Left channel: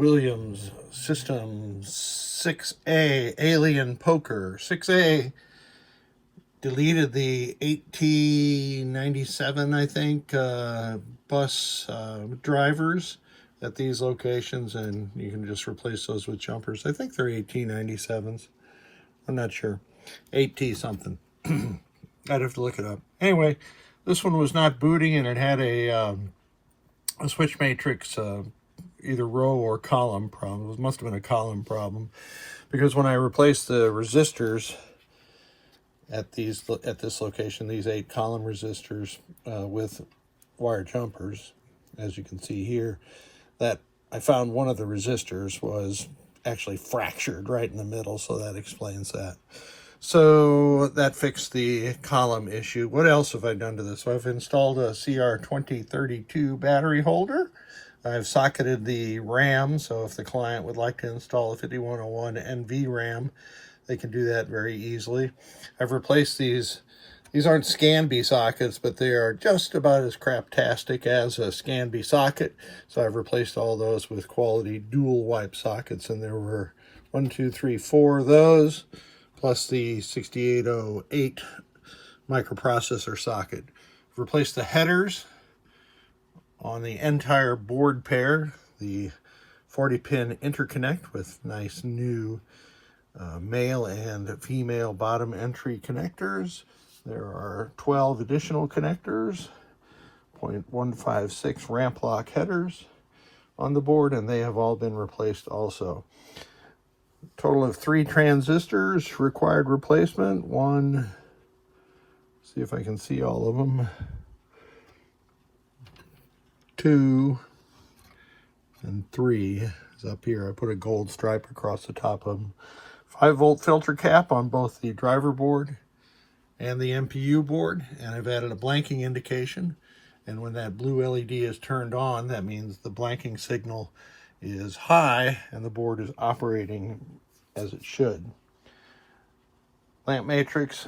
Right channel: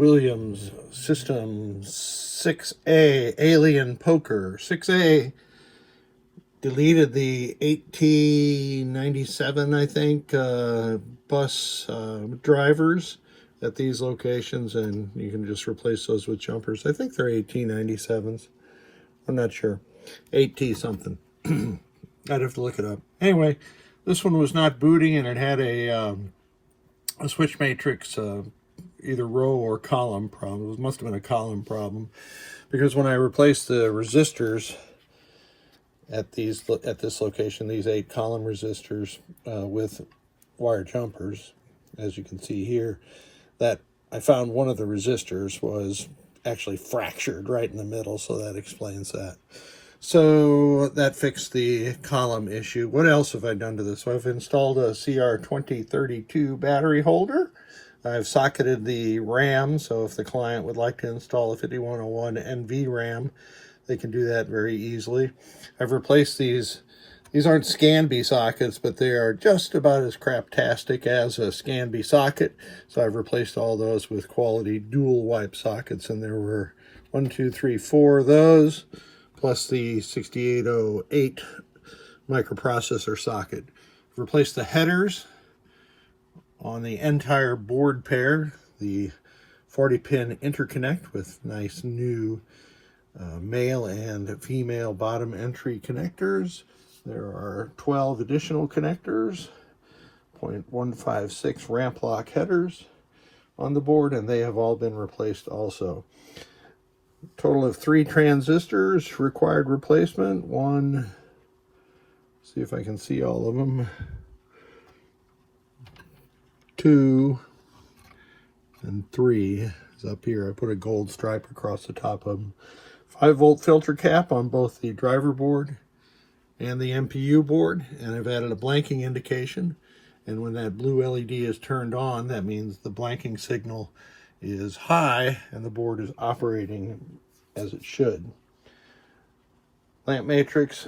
Williams System 6A Alien Poker. 6A deleted the 1897, I think, bus drivers at these locations, and you can just replace those with jumpers. I think they're 1897s. I'm not sure. 8T something. I'd have to look it up. Anyway, this one was not booting, and it had a switch matrix either row or column problem. It must have been a column problem, because when I replaced the resistors at this location, these 8 column resistors with wire jumpers, as you can see here, that I found one of the resistors was actually fractured right in the middle, so that explains that. So that fixed the column issue. What else have I done to this? So I've installed a CR2032 battery holder. I've socketed the RAM, so if the client would like to install a 5101 NV RAM, they can do that very easily. I've replaced these. These aren't Scanby sockets, but they are just about as craptastic as a Scanby socket. So I've replaced all those with quality dual wipe sockets, and there were 4 of those, plus the 6808 microprocessor socket. I've replaced the headers on the entire board pair, the 40-pin interconnect with nice new male and female bottom entry connectors. There are 12 additional connectors, 0.156 ramp lock headers on the board, and they have all been replaced also. Total of 3 transistors required replacement. 1, see if I can see all of them, 2, and 3 is up here. I put a gold stripe across the top of them. 5-volt filter cap on both the driver board and the MPU board, and I've added a blanking indication, and when that blue LED is turned on, that means the blanking signal is high and the board is operating as it should. Lamp matrix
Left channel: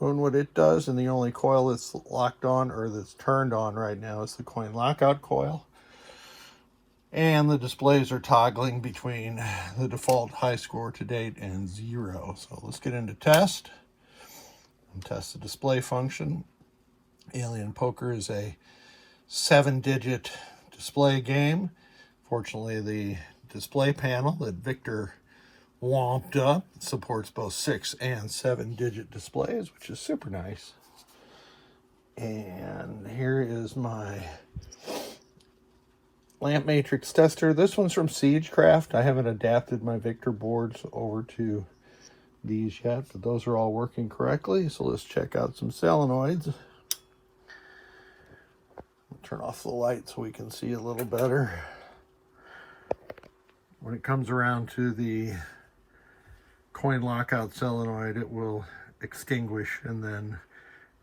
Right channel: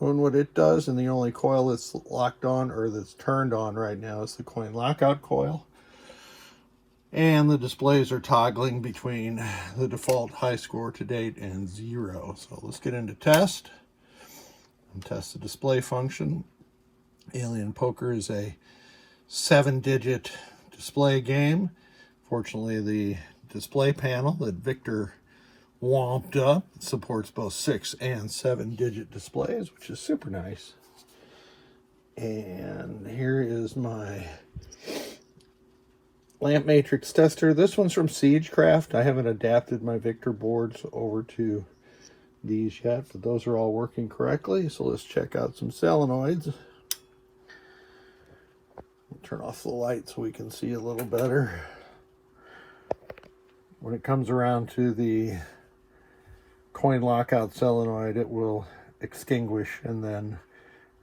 doing what it does, and the only coil that's locked on or that's turned on right now is the coin lockout coil. And the displays are toggling between the default high score to date and 0. So let's get into test and test the display function. Alien Poker is a 7-digit display game. Fortunately, the display panel that Victor womped up supports both 6- and 7-digit displays, which is super nice. And here is my lamp matrix tester. This one's from Siegecraft. I haven't adapted my Victor boards over to these yet, but those are all working correctly. So let's check out some solenoids. Turn off the light so we can see a little better. When it comes around to the coin lockout solenoid, it will extinguish, and then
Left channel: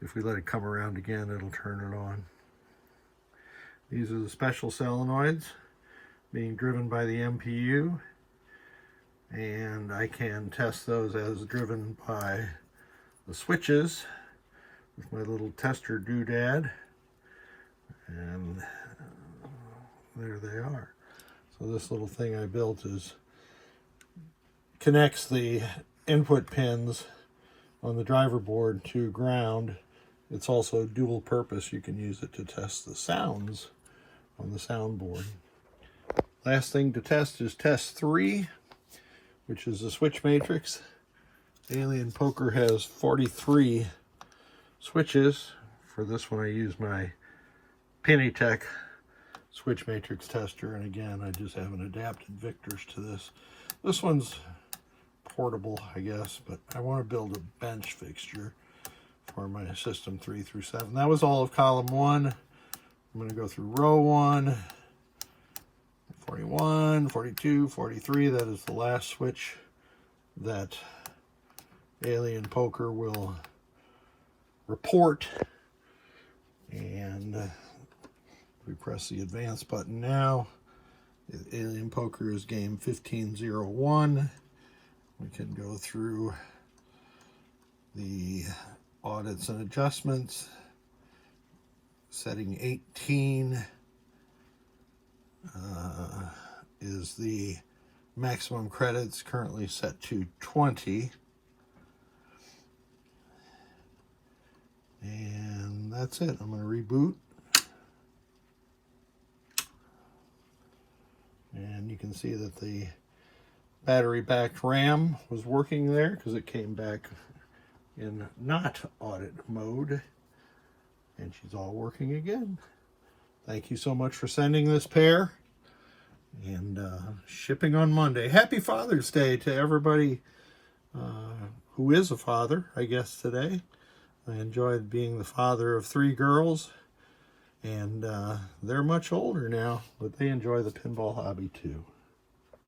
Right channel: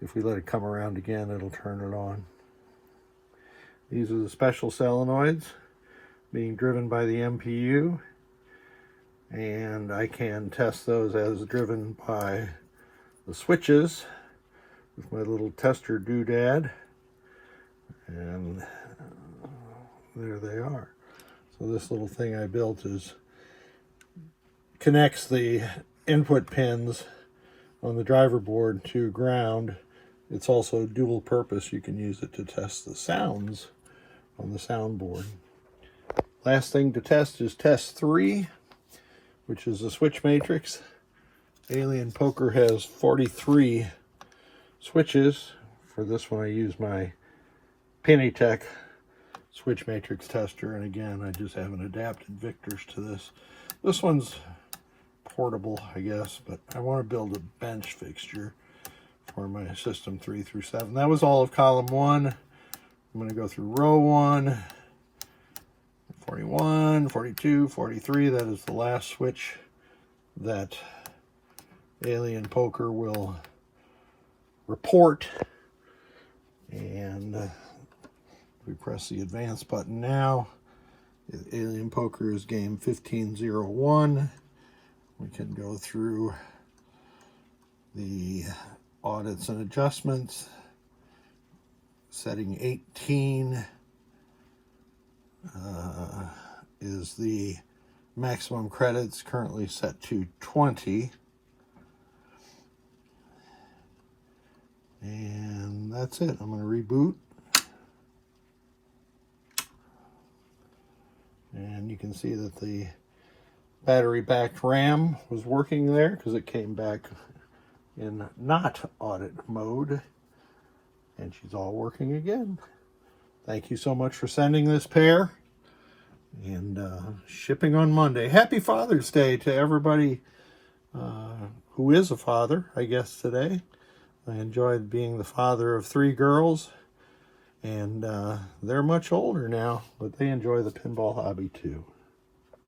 if we let it come around again, it'll turn it on. These are the special solenoids being driven by the MPU, and I can test those as driven by the switches with my little tester doodad, and there they are. So this little thing I built connects the input pins on the driver board to ground. It's also dual purpose. You can use it to test the sounds on the soundboard. Last thing to test is test 3, which is a switch matrix. Alien Poker has 43 switches. For this one, I use my Pennytech switch matrix tester, and again, I just haven't adapted Victor's to this. This one's portable, I guess, but I want to build a bench fixture for my system 3 through 7. That was all of column 1. I'm going to go through row 1, 41, 42, 43. That is the last switch that Alien Poker will report. And we press the advance button now. Alien Poker is game 1501. We can go through the audits and adjustments. Setting 18, is the maximum credits currently set to 20. And that's it. I'm going to reboot. And you can see that the battery-backed RAM was working there because it came back in not audit mode. And she's all working again. Thank you so much for sending this pair. And shipping on Monday. Happy Father's Day to everybody who is a father, I guess, today. I enjoyed being the father of 3 girls. And they're much older now, but they enjoy the pinball hobby too.